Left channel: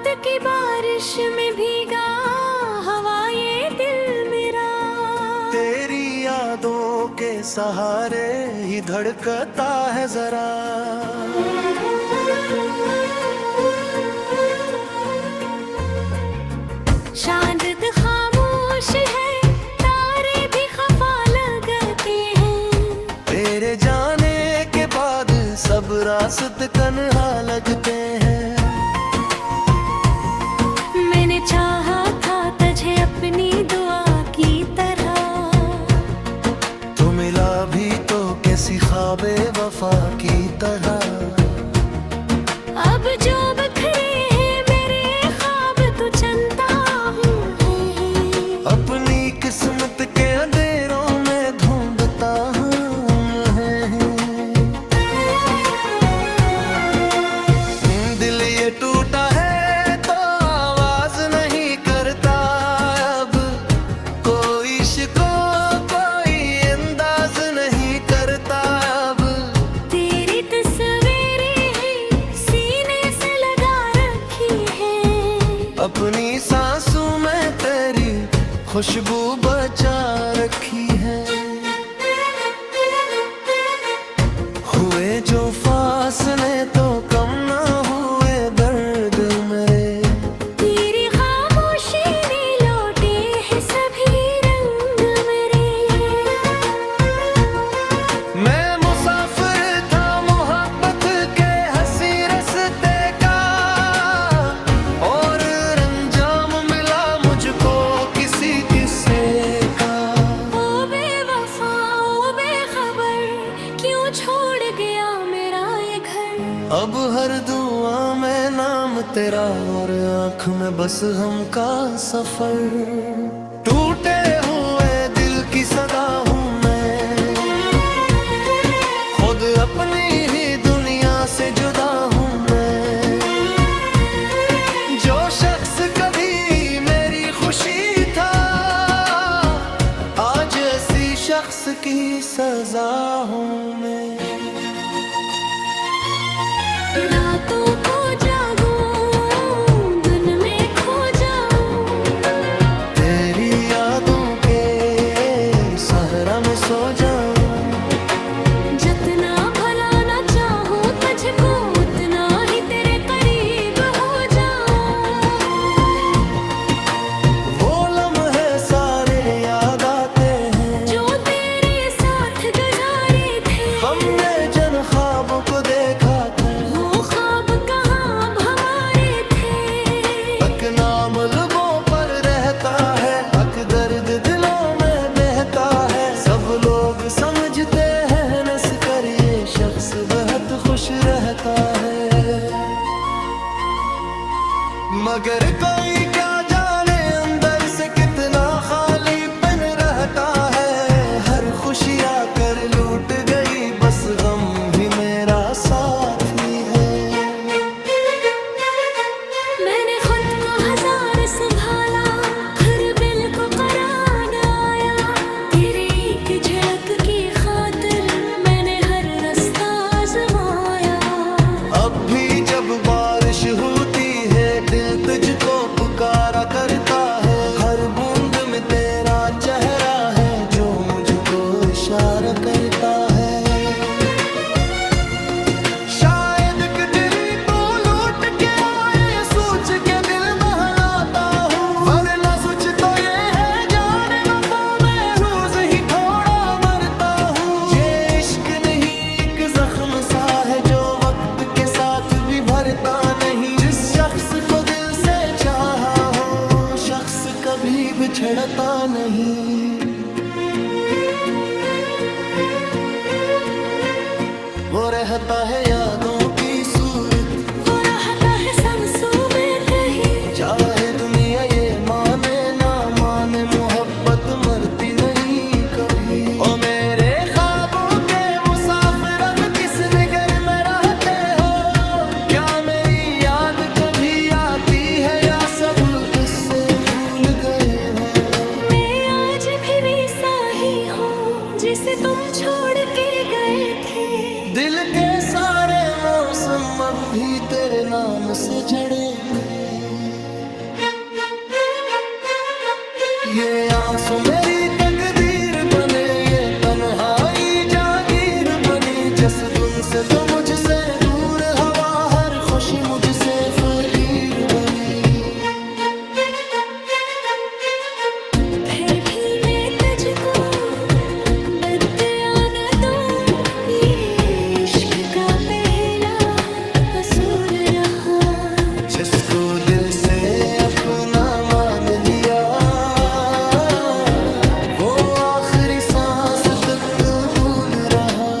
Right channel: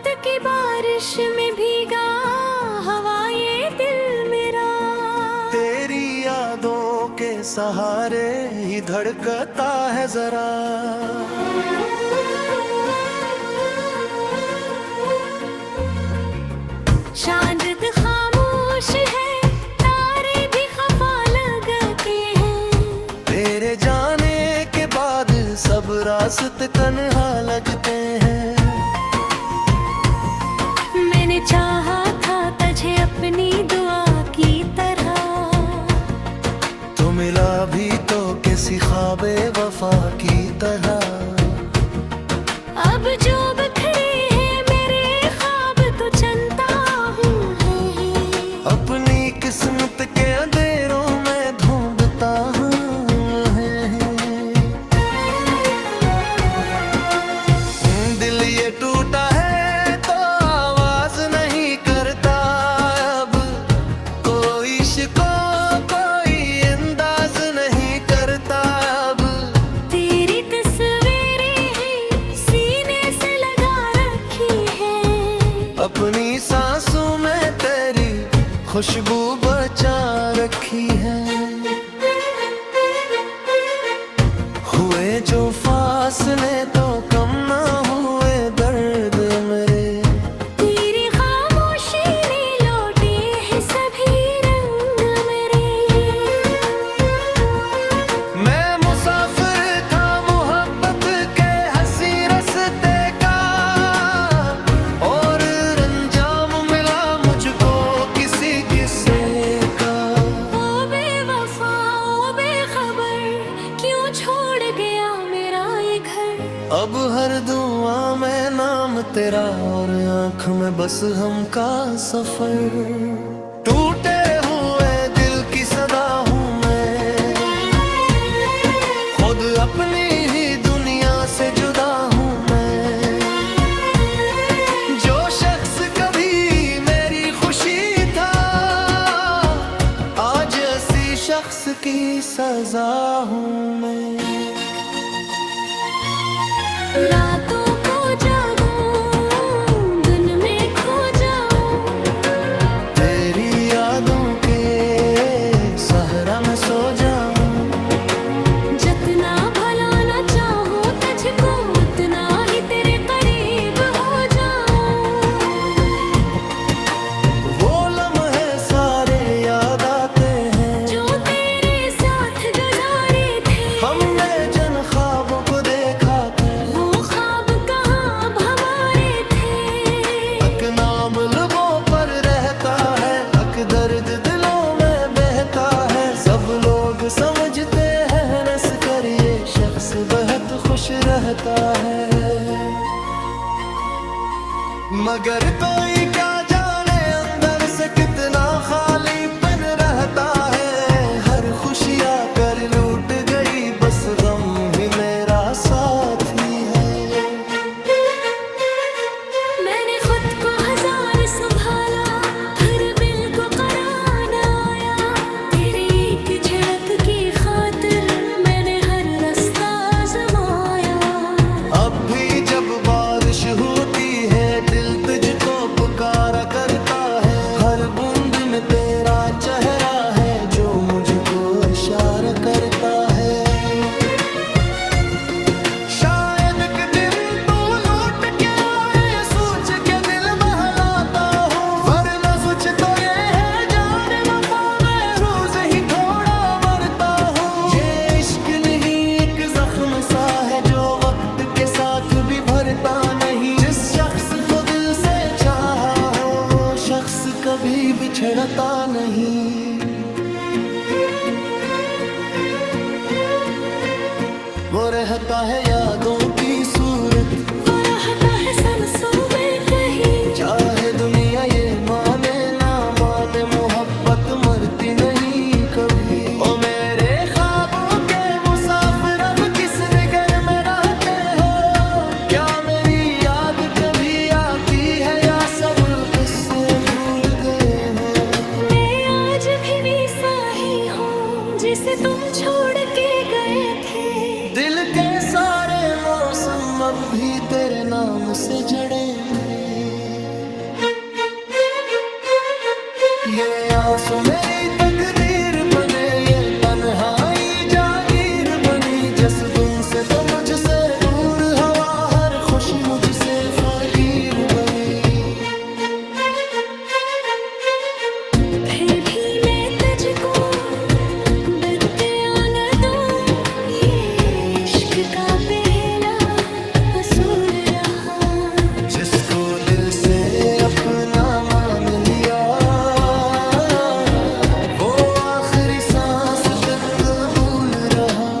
रात की बारिश में भीगा हवा ये दिल मेरा। तेरी यादों के सहारे ही धड़कता है जरा। चांद खामोश है, तारे भी खफा लगते हैं। तेरे जाने के बाद सब रास्ते तन्हा लगते हैं। मैंने चाहा था तुझे अपनी दुआ की तरह, तो मिला भी तो किसी ख्वाबे वफा की तरह। अब जो बिखरे हैं मेरे ख्वाब तो चलता हूँ अपनी किस्मत के अंधेरों में ढूंढता हूँ। दिल ये टूटा है तो आवाज नहीं करता अब, कोई शिको कोई अंदाज नहीं करता अब। तेरी तस्वीरें हैं सीने से लगा रखी है, अपनी सांसों में तेरी खुशबू बचा रखी है। हुए जो फासले तो कम ना हुए दर्द मेरे। तेरी खामोशी ने लौटे हैं सभी रंग मेरे। मैं मुसाफिर था मोहब्बत के हंसी रस्ते का, और अंजाम मिला मुझको किसी किस्से का। ओ बेवफा ओ बेखबर, क्यों छोड़ गया मेरा ये घर। अब हर दुआ में नाम तेरा और आँख में बस हम का सफर। टूटे हुए दिल की सदा हूँ मैं, खुद अपनी ही दुनिया से जुदा हूँ मैं। जो शख्स कभी मेरी खुशी था, आज ऐसी शख्स की सजा हूँ मैं। रातों को जागूं दिन में खो जाऊं, तेरी यादों के सहरा में सो जाऊं। जितना भला ना चाहूं तुझको उतना ही तेरे करीब हो जाऊं। वो लम्हे सारे याद आते हैं जो तेरे साथ गुजारे थे, हमने जन ख्वाबों को देखा था। वो ख्वाब कहाँ अब हमारे थे। हक नाम लबों पर रहता है, हक दर्द दिलों में बहता है। सब लोग समझते हैं नस कर ये शख्स बहुत खुश रहता है। मगर कोई क्या जाने अंदर से कितना खालीपन रहता है। हर खुशियाँ कर लूट गई, बस गम ही मेरा साथी है। मैंने खुद को हजार संभाला, हर दिल को करार आया। तेरी एक झलक की खातिर मैंने हर रास्ता आजमाया। अब भी जब बारिश होती है दिल तुझको पुकारा करता है। हर बूंद में तेरा चेहरा है जो मुझको इशारा करता है। शायद एक दिन तू लौट के आए, सोच के दिल बहलाता हूँ। वरना सोच तो ये है जाने वफा में रोज ही थोड़ा मरता हूँ। ये इश्क नहीं एक जख्म सा है जो वक्त के साथ भी भरता नहीं। जिस शख्स को दिल से चाहा हो, शख्स कभी बिछड़ता नहीं। वो रहता है यादों की सूरत, वो रहता है सांसों में कहीं। चाहे दुनिया ये माने ना माने, मोहब्बत मरती नहीं कभी। ओ मेरे ख्वाबों के मुसाफिर अब किस नगर में रहते हो। क्या मेरी याद कभी आती है या सब किससे भूल गए हो। मैं आज भी वैसा ही हूँ जिसे तुम छोड़ के गए थे। दिल के सारे मौसम मौसम अब भी तेरे नाम से जड़े थे। ये आंसू मेरी तकदीर बने, ये तन्हाई जागीर बनी। जिस दिन से तो मुझसे दूर हवा, हर खुशी मुझसे फकीर बनी। फिर भी मैं तुझको बदया न दूं, ये इश्क का पहला असूल रहा। जिसको दिल से अपना मान लिया, वो आखिरी सांस तक कबूल रहा।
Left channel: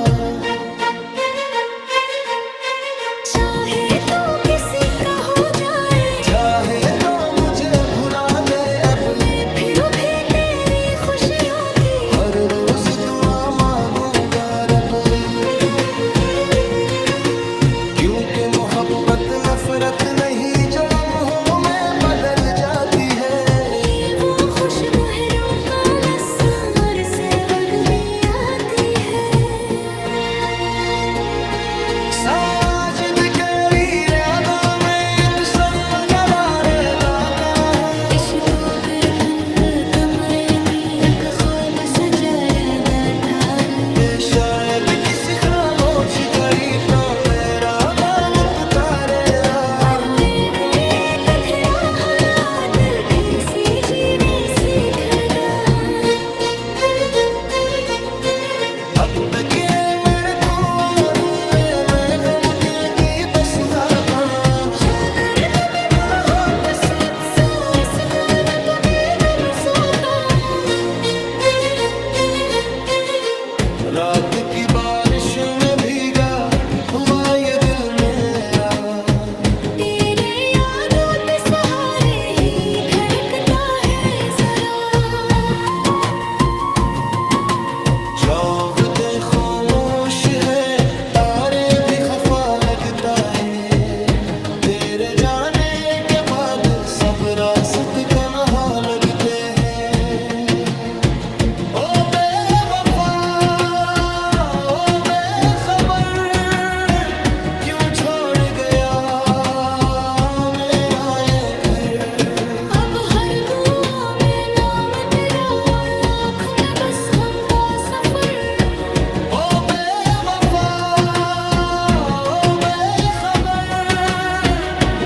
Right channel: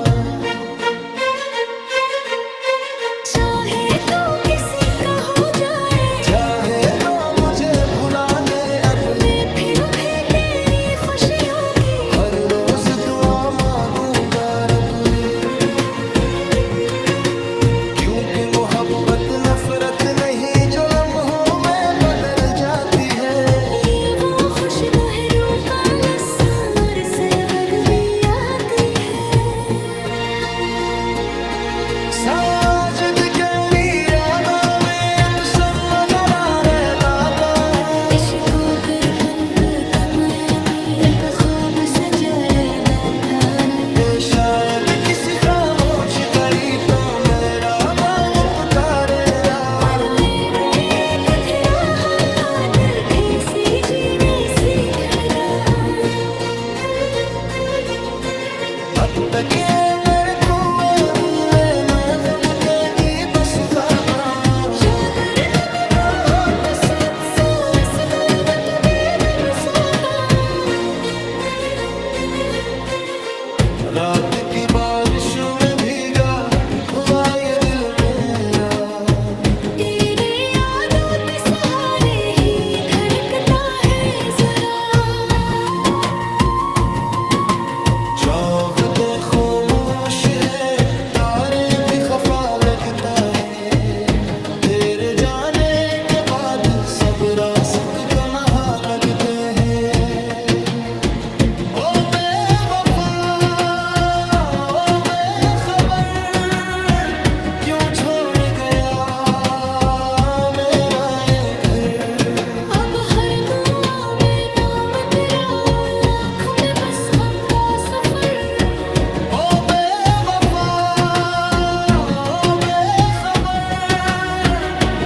चाहे तो किसी का हो जाए, चाहे तो मुझे भुला दे अब, मैं फिर भी तेरी खुशियों की हर रोज दुआ मांगूंगा रब। क्योंकि मोहब्बत नफरत नहीं जो लम्हों में बदल जाती है। ये वो खुशबू है रूह का लहसुन और सबक भी आती है। साजिद केरी रादा में एक सम्मा करारे दाता हूँ। इश्को कर तंग तमरे में एक ख्वाब सजारे बैठा हूँ। शायद किसी खामोश करी तो मेरा मन तुकारेगा। पर मेरा ये कुथरा हरा दिल किसी जीने सीखेगा। अब तक ये मेरे कुएं में मैं गम के की बस गाता। दर्द में ना हो किस्मत सो, इस दर्द तो देना मैं सोता। रात की बारिश में भीगा हुआ ये दिल मेरा, तेरे यादों के सहारे ही धड़कता है जरा। जब देखो खामोश है, तारे भी खफा लगता है। तेरे जाने के बाद सब रास्ते कन्हा लगते हैं। ओ बेवफा, ओ बेखबर, क्यों छोड़ गया मेरा ये घर। अब हर दुआ में नाम तेरा और आँख में बस हमका सफर। ओ बेवफा, ओ बेखबर,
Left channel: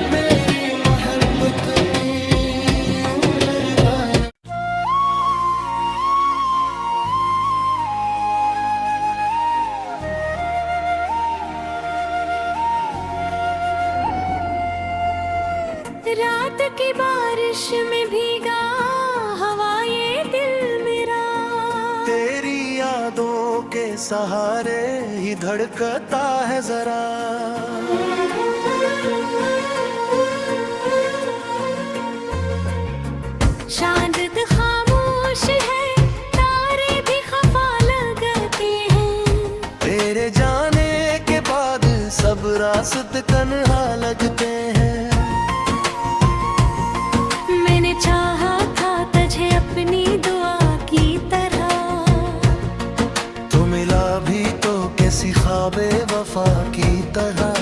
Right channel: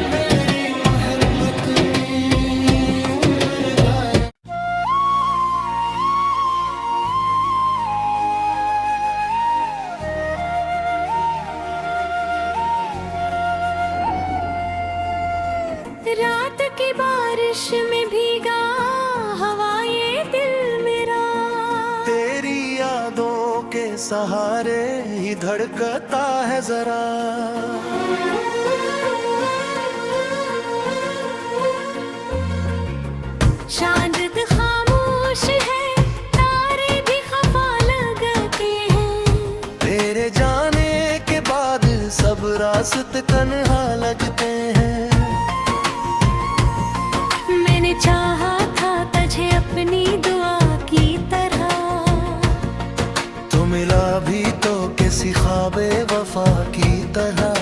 मेरी मोहब्बत में उम्र दाया। रात की बारिश में भीगा हवा ये दिल मेरा। तेरी यादों के सहारे ही धड़कता है जरा। चांद खामोश है, तारे भी खफा लगते हैं। तेरे जाने के बाद सब रास्ते कन्हा लगते हैं। मैंने चाहा था तुझे अपनी दुआ की तरह, तो मिला भी तो किसी ख्वाबे वफा की तरह।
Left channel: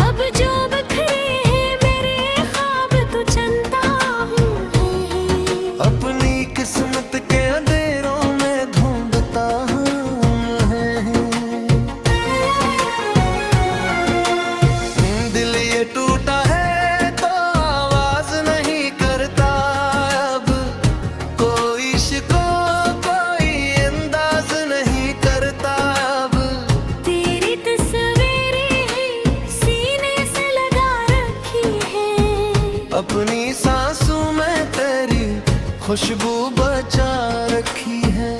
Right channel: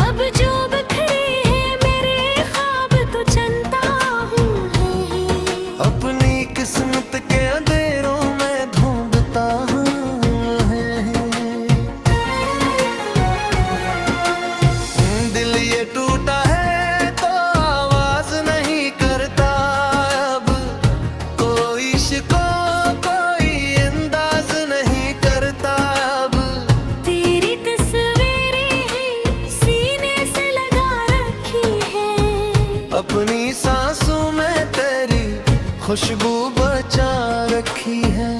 अब जो बिखरे हैं मेरे ख्वाब तो चलता हूँ है। अपनी किस्मत के अंधेरों में ढूंढता हूँ दिल ये टूटा है तो आवाज नहीं करता अब। कोई शिकवा कोई अंदाज नहीं करता अब। तेरी तस्वीरें हैं सीने से लगा रखी है। अपनी सांसों में तेरी खुशबू बचा रखी है।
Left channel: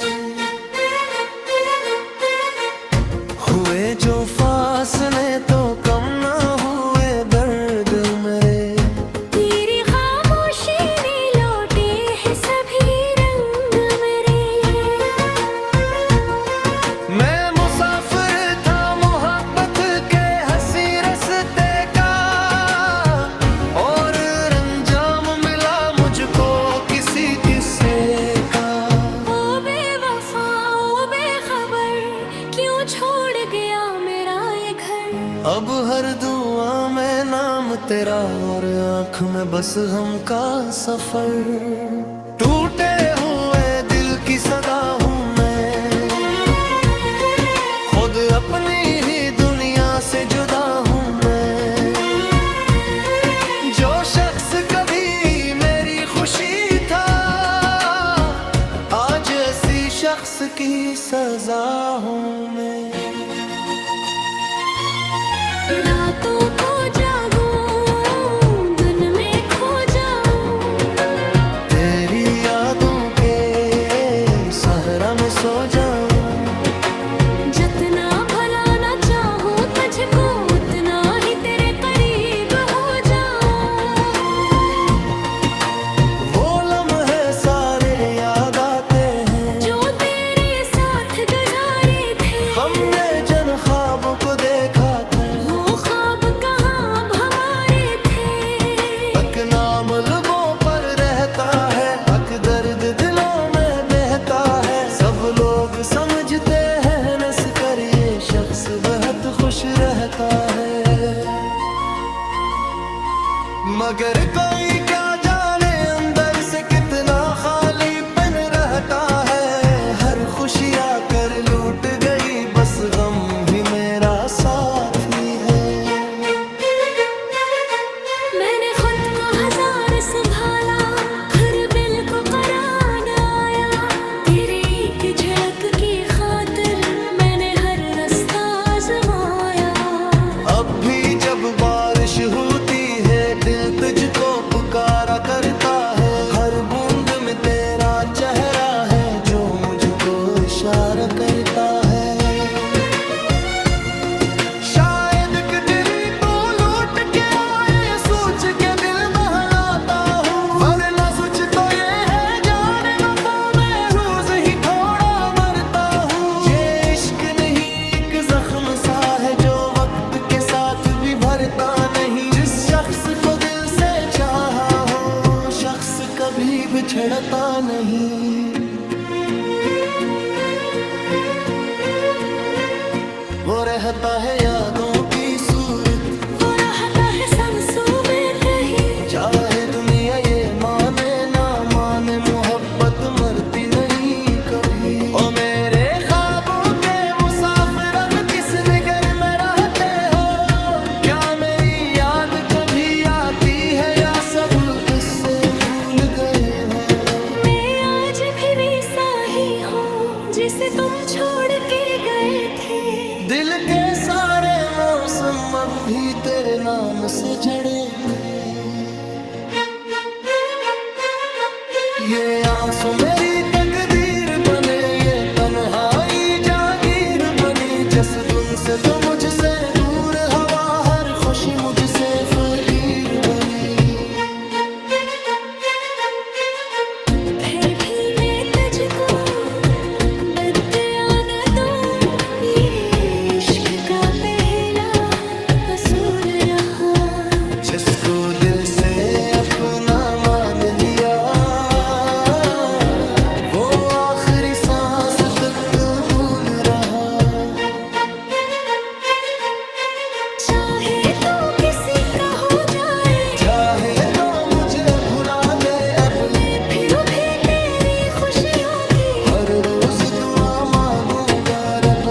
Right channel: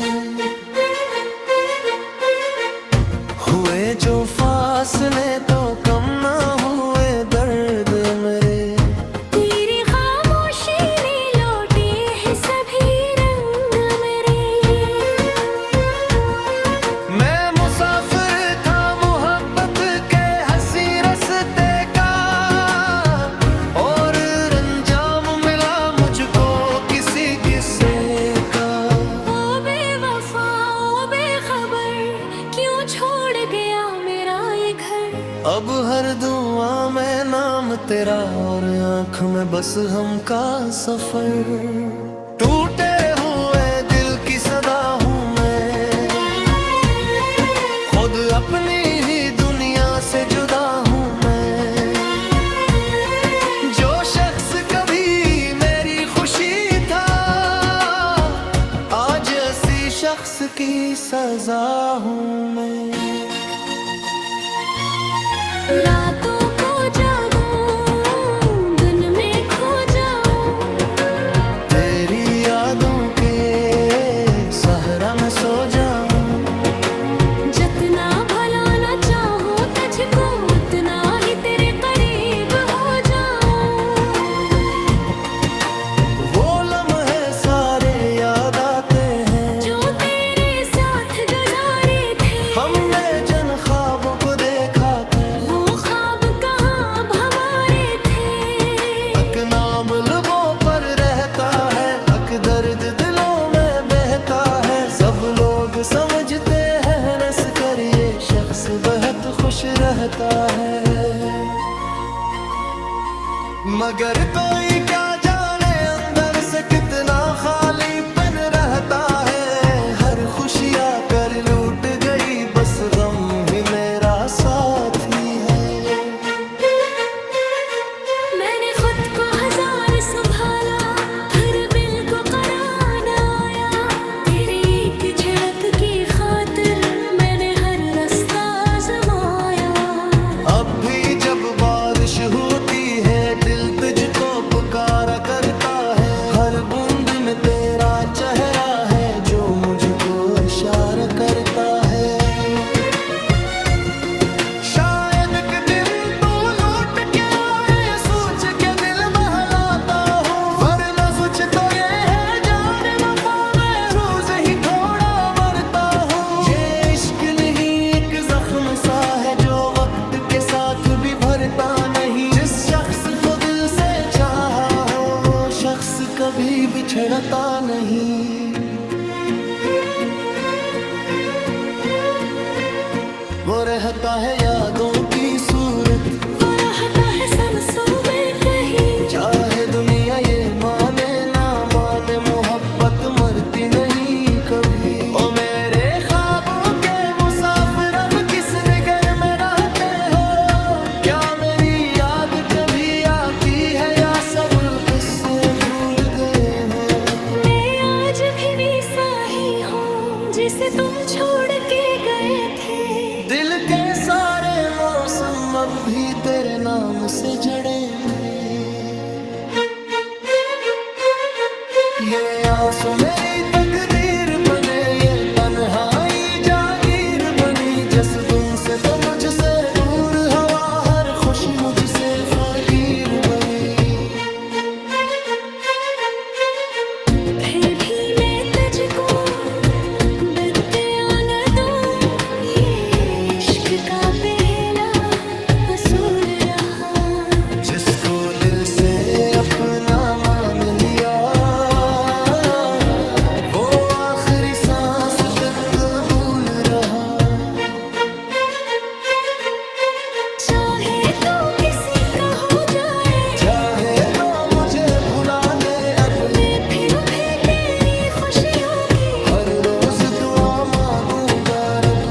हुए जो फासले तो कम ना हुए दर्द मेरे। तेरी खामोशी ने लौटे हैं सभी रंग मेरे। मैं मुसाफिर था मोहब्बत के हंसी रस्ते का, और अंजाम मिला मुझको किसी किस्से का। ओ बेवफा, ओ बेखबर, क्यों छोड़ गया मेरा ये घर। हर दुआ में नाम तेरा और आँख में बस हम का सफर। टूटे हुए दिल की सदा हूँ मैं, खुद अपनी ही दुनिया से जुदा हूँ मैं। जो शख्स कभी मेरी खुशी था, आज ऐसी शख्स की सजा हूँ मैं। रातों को जागूं, दिन में खो जाऊं, तेरी यादों के सहरा में सो जाऊं। जितना भलाना चाहूं तुझको, उतना ही तेरे करीब हो जाऊं। वो लम्हे सारे याद आते हैं जो तेरे साथ गुजारे थे, हमने जन ख्वाबों को देखा था। वो ख्वाब कहाँ अब हमारे थे। अक नाम लबों पर रहता है, अक दर्द दिलों में बहता है। सब लोग समझते हैं नस कर ये शख्स बहुत खुश रहता है। मगर कोई क्या जाने अंदर से कितना खालीपन रहता है। हर खुशियाँ कर लूट गई, बस गम ही मेरा साथी है। मैंने खुद को हजार संभाला, हर दिल को करार आया। तेरी एक झलक की खातिर मैंने हर रास्ता आजमाया। अब भी जब बारिश होती है, दिल तुझको पुकारा करता है। हर बूंद में तेरा चेहरा है, जो मुझको इशारा करता है। शायद एक दिन तू लौट के आए, सोच के दिल बहलाता हूँ। वरना सोच तो ये है जाने वफा में रोज ही थोड़ा मरता हूँ। ये इश्क नहीं एक जख्म सा है, जो वक्त के साथ भी भरता नहीं। जिस शख्स को दिल से चाहा हो, शख्स कभी बिछड़ता नहीं। वो रहता है यादों की सूरत, वो रहता है सांसों में कहीं। चाहे दुनिया ये माने ना माने, मोहब्बत मरती नहीं कभी। ओ मेरे ख्वाबों के मुसाफिर, अब किस नगर में रहते हो? क्या मेरी याद कभी आती है, या सब किससे भूल गए हो? मैं आज भी वैसा ही हूँ जिसे तुम छोड़ के गए थे। दिल के सारे मौसम अब भी तेरे नाम से जड़े थे। ये आंसू मेरी तकदीर बने, ये तन्हाई जागीर बनी। जिस दिन से तो मुझसे दूर हवा, हर खुशी मुझसे फकीर बनी। फिर भी मैं तुझको बदया न दूं, ये इश्क का पहला असूल रहा। जिसको दिल से अपना मान लिया, वो आखिरी सांस तक कबूल रहा। चाहे तो किसी का हो जाए, चाहे तो मुझे भुला दे अब। मैं फिर भी तेरी खुशियों की हर रोज दुआ मांगूंगा रब।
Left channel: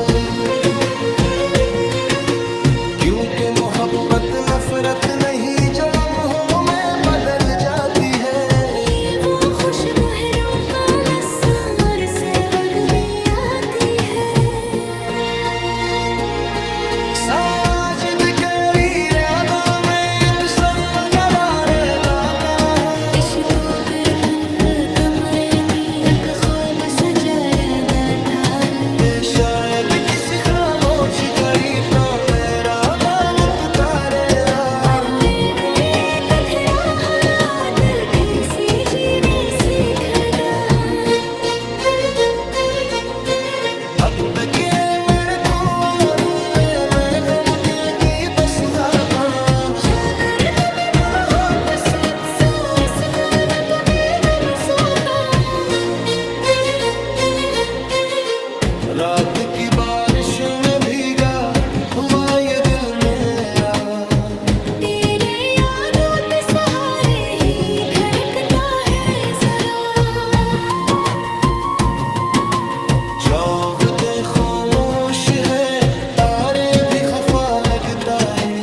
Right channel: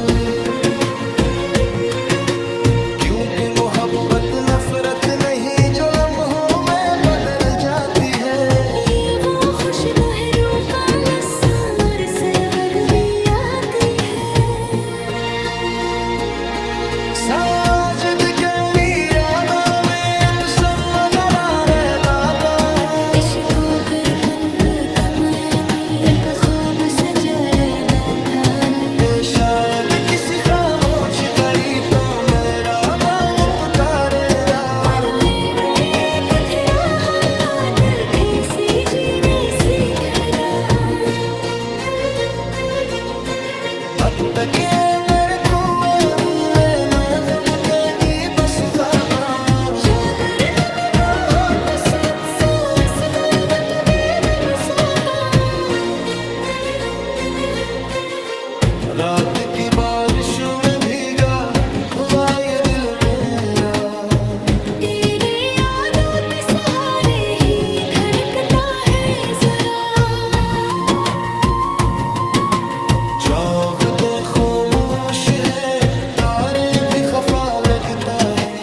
क्योंकि मोहब्बत नफरत नहीं, जो लम्हों में बदल जाती है। ये वो खुशबू है रूह का लहसुन, और से बग भी आती है। साजिद केरी रादा में एक सम्मा करारे दाता हूँ। इश्क को कर तमरे में एक ख्वाब सजारे बैठा हूँ। शायद किसी खामोश करी तो मेरा मन तुतारेगा। पर मेरा ये कुथरा हरा दिल भी सी जीने सीखेगा। अब तक ये मेरे कुएं में मैं गम के की बस गाता। दर्द में ना हो किस्मत सो, इस दर्द तो देना मैं सोता। रात की बारिश में भीगा हुआ ये दिल मेरा। दे खामोश है, तारे भी खफा लगता है।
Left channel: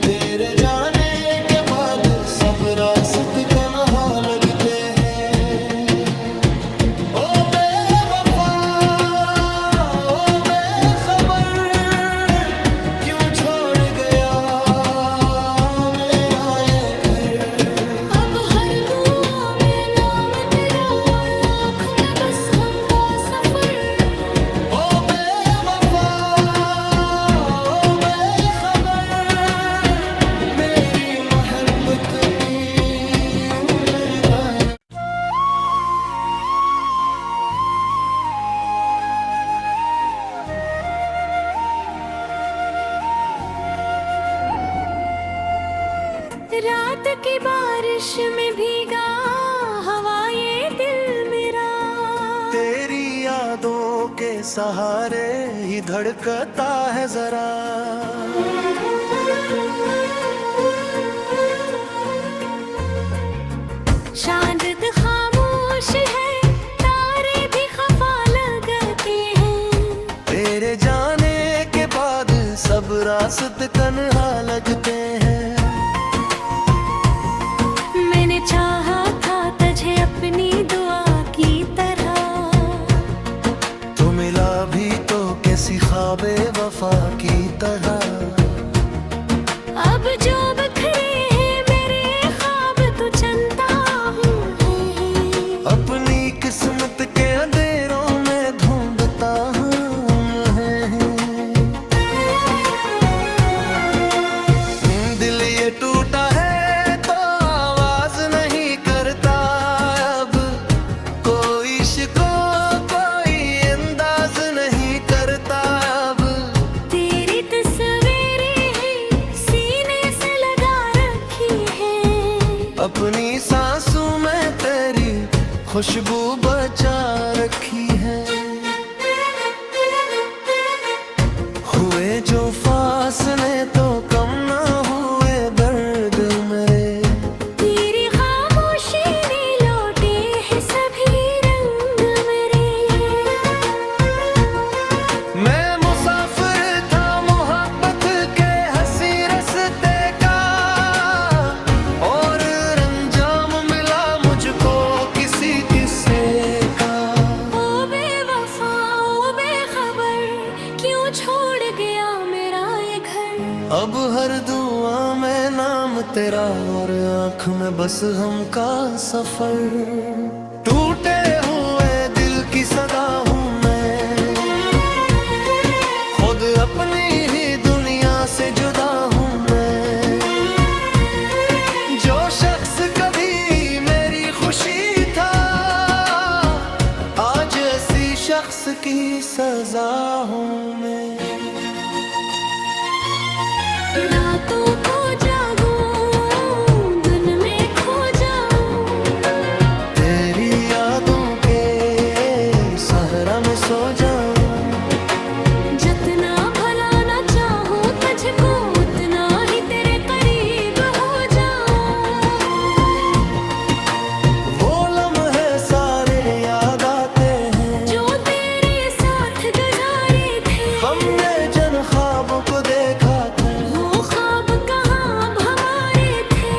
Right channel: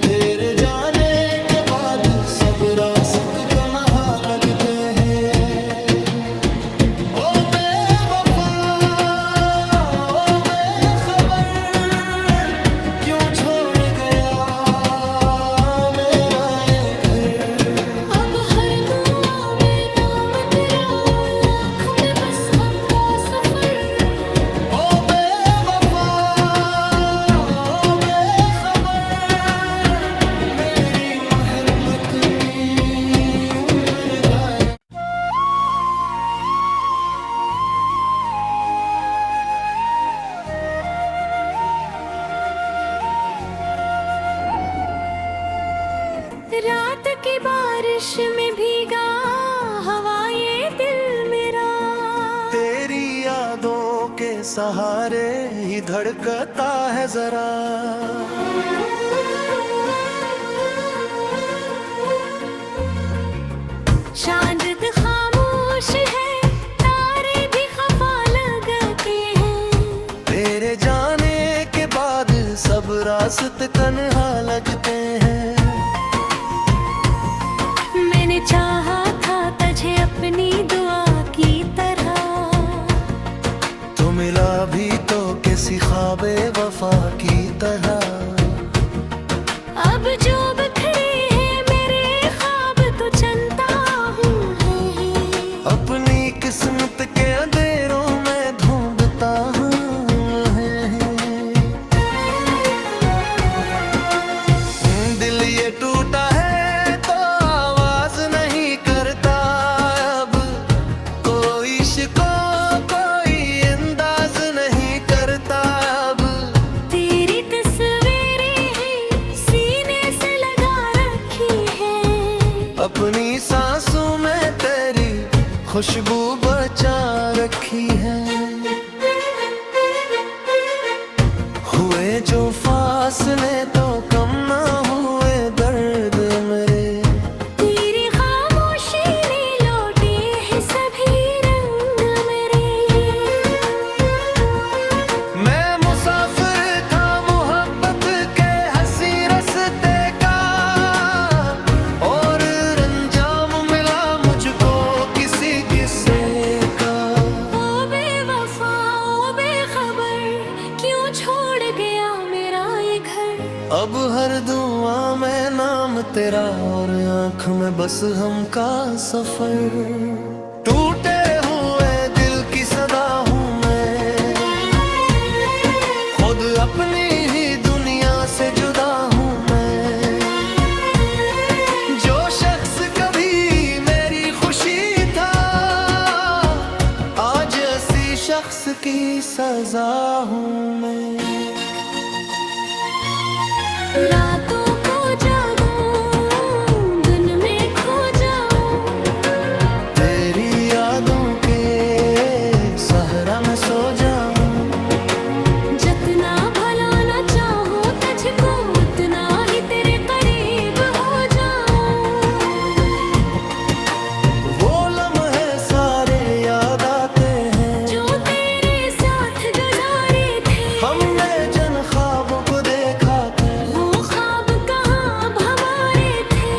तेरे जाने के बाद सब रास्त कन्हा लगते हैं। ओ बेवफा, ओ बेखबर, क्यों छोड़ गया मेरा ये घर। अब हर दुआ में नाम तेरा और आँख में बस हमका सफर। ओ बेवफा, ओ बेखबर, मेरी मोहब्बत में उम्र गाया। रात की बारिश में भीगा हवा ये दिल मेरा। तेरी यादों के सहारे ही धड़कता है जरा। चांद खामोश है, तारे भी खफा लगते हैं। तेरे जाने के बाद सब रास्त कन्हा लगते हैं। मैंने चाहा था तुझे अपनी दुआ की तरह, तो मिला भी तो किसी ख्वाबे वफा की तरह। अब जो बिखरे हैं मेरे ख्वाब तो चलता हूँ अपनी किस्मत के अंधेरों में ढूंढता हूँ। दिल ये टूटा है तो आवाज नहीं करता अब, कोई शिकवा कोई अंदाज नहीं करता अब। तेरी तस्वीरें हैं सीने से लगा रखी है, अपनी सांसों में तेरी खुशबू बचा रखी है। हुए जो फासले तो कम ना हुए दर्द मेरे। तेरी खामोशी ने लौटे हैं सभी रंग मेरे। मैं मुसाफिर था मोहब्बत के हंसी रस्ते का, और अंजाम मिला मुझको किसी किस्से का। ओ बेवफा, ओ बेखबर, क्यों छोड़ गया मेरा ये घर। अब हर दुआ में नाम तेरा और आँख में बस हम का सफर। टूटे हुए दिल की सदा हूँ मैं, खुद अपनी ही दुनिया से जुदा हूँ मैं। जो शख्स कभी मेरी खुशी था, आज ऐसी शख्स की सजा हूँ मैं। रातों को जागूं, दिन में खो जाऊं, तेरी यादों के सहरा में सो जाऊं। जितना भला ना चाहूं तुझको उतना ही तेरे करीब हो जाऊं। वो लम्हे सारे याद आते हैं जो तेरे साथ गुजारे थे, हमने जन ख्वाबों को देखा था। वो ख्वाब कहाँ अब हमारे थे।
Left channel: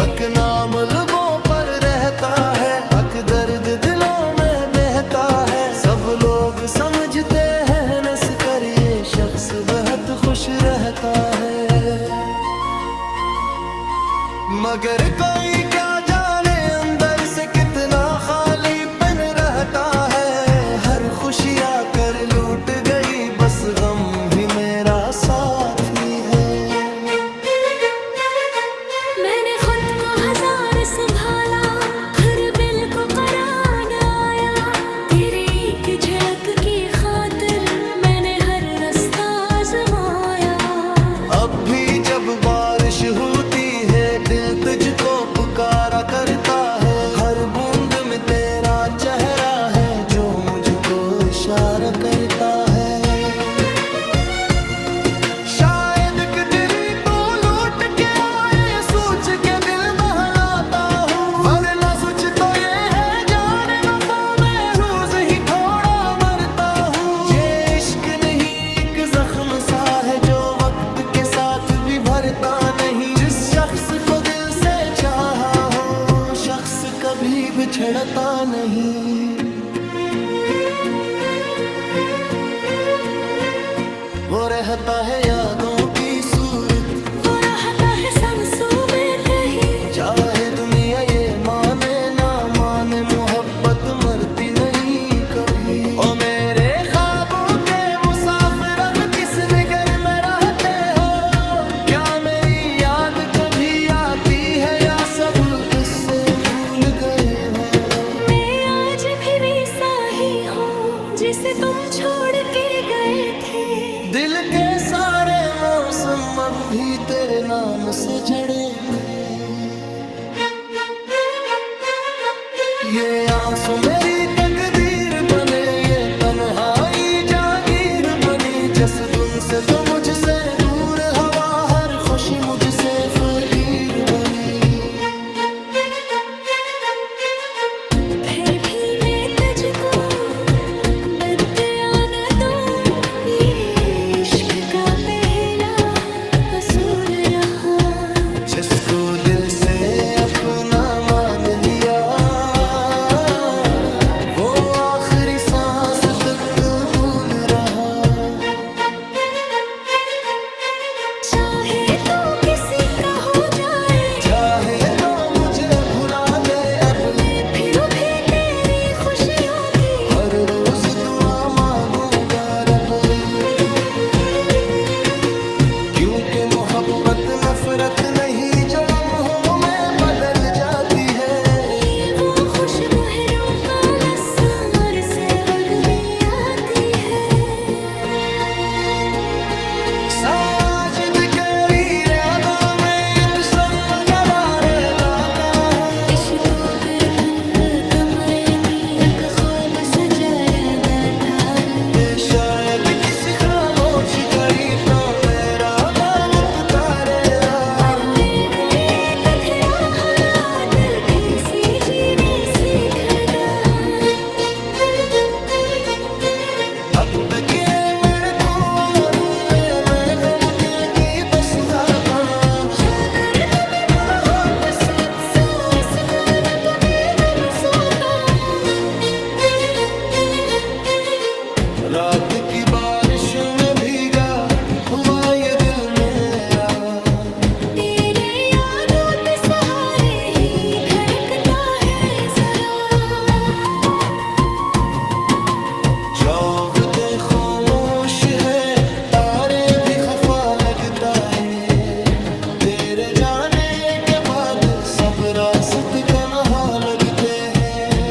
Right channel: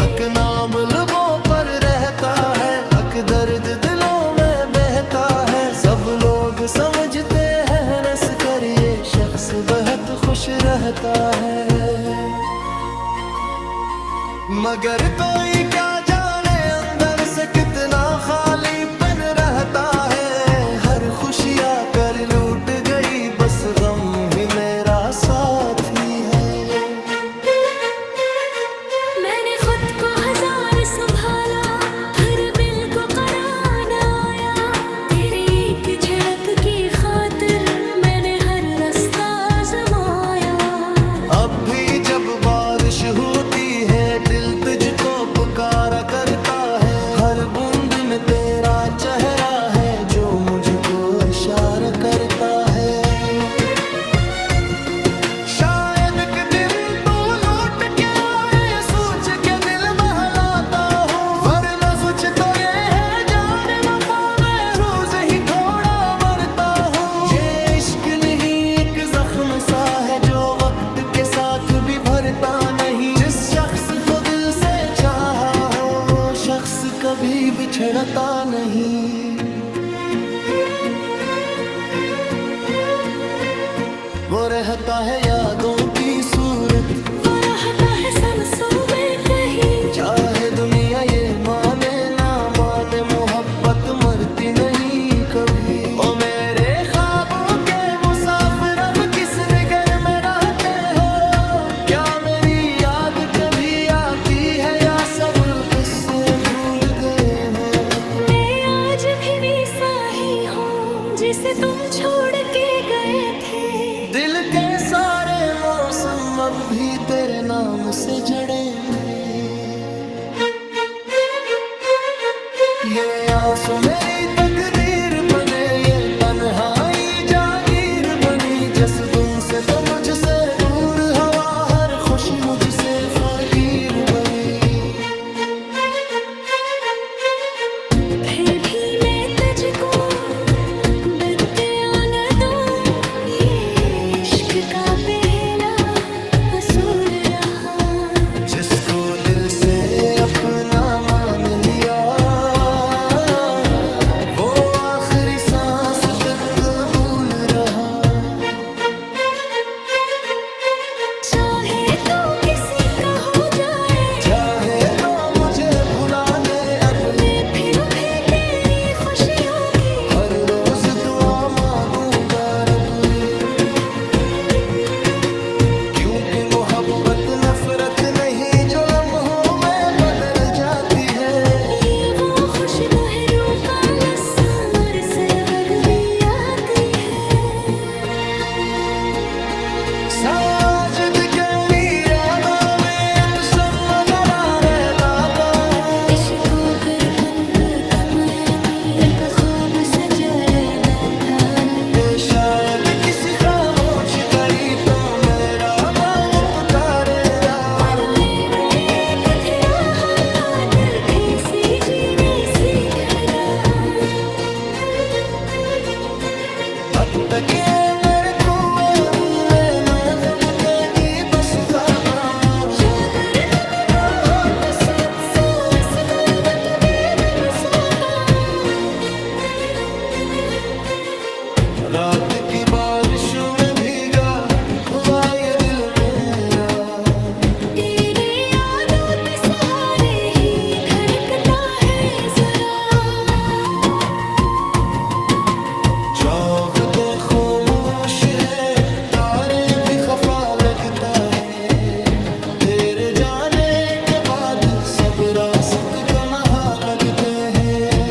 हक नाम लबों पर रहता है, हक दर्द दिलों में बहता है। सब लोग समझते हैं नस कर ये शख्स बहुत खुश रहता है। मगर कोई क्या जाने अंदर से कितना खालीपन रहता है। हर खुशियाँ कर लूट गई, बस गम भी मेरा साथी है। मैंने खुद को हजार संभाला, हर बिल को करार आया। तेरी एक झलक की खातिर मैंने हर रास्ता आजमाया। अब भी जब बारिश होती है दिल तुझको पुकारा करता है। हर बूंद में तेरा चेहरा है जो मुझको इशारा करता है। शायद एक दिन तू लौट के आए, सोच के दिल बहलाता हूँ। वरना सोच तो ये है जाने वफा में रोज ही थोड़ा मरता हूँ। ऐसा है जो वक्त के साथ भी भरता नहीं। जिस शख्स को दिल से चाहा हो शख्स कभी बिछड़ता नहीं। वो रहता है यादों की सूरत, वो रहता है सांसों में कहीं। चाहे दुनिया ये माने ना माने मोहब्बत मरती नहीं कभी। ओ मेरे ख्वाबों के मुसाफिर अब किस नगर में रहते हो? क्या मेरी याद कभी आती है या सब किससे भूल गए हो? मैं आज भी वैसा ही हूँ जिसे तुम छोड़ के गए थे। दिल के सारे मौसम अब भी तेरे नाम से जड़े थे। ये आंसू मेरी तकदीर बने, ये तन्हाई जागीर बनी। जिस गुन से तो मुझसे दूर हवा, हर खुशी मुझसे फकीर बनी। फिर भी मैं तुझको बदला न दूं, ये इश्क का पहला असूल रहा। जिसको दिल से अपना मान लिया वो आखिरी सांस तक कबूल रहा। चाहे तो किसी का हो जाए, चाहे तो मुझे भुला दे अब, मैं फिर भी तेरी खुशियों की हर रोज दुआ मांगूंगा रब। क्योंकि मोहब्बत नफरत नहीं जो लम्हों में बदल जाती है। ये वो खुशबू है रूह का लहसुन और से बग भी आती है। साजिद केरी रादा में एक सम्मा करारे दाता हूँ। इश्क तो कर तंग तमरे में एक ख्वाब सजारे बैठा हूँ। शायद किसी खामोश करी तो मेरा मन तुतारेगा। पर मेरा ये कुथरा हरा दिल भी सी जीने सीखेगा। अब तक ये मेरे कुएं में मैं गम के की बस गाता। दर्द में ना हो किस्मत सो, इस दर्द तो देना मैं सोता। रात की बारिश में भीगा हुआ ये दिल मेरा। तेरे यादों के सहारे ही धड़कता है जरा। जब देखो खामोश है तारे भी खफा लगता है। तेरे जाने के बाद सब रास्ते कन्हा लगते हैं।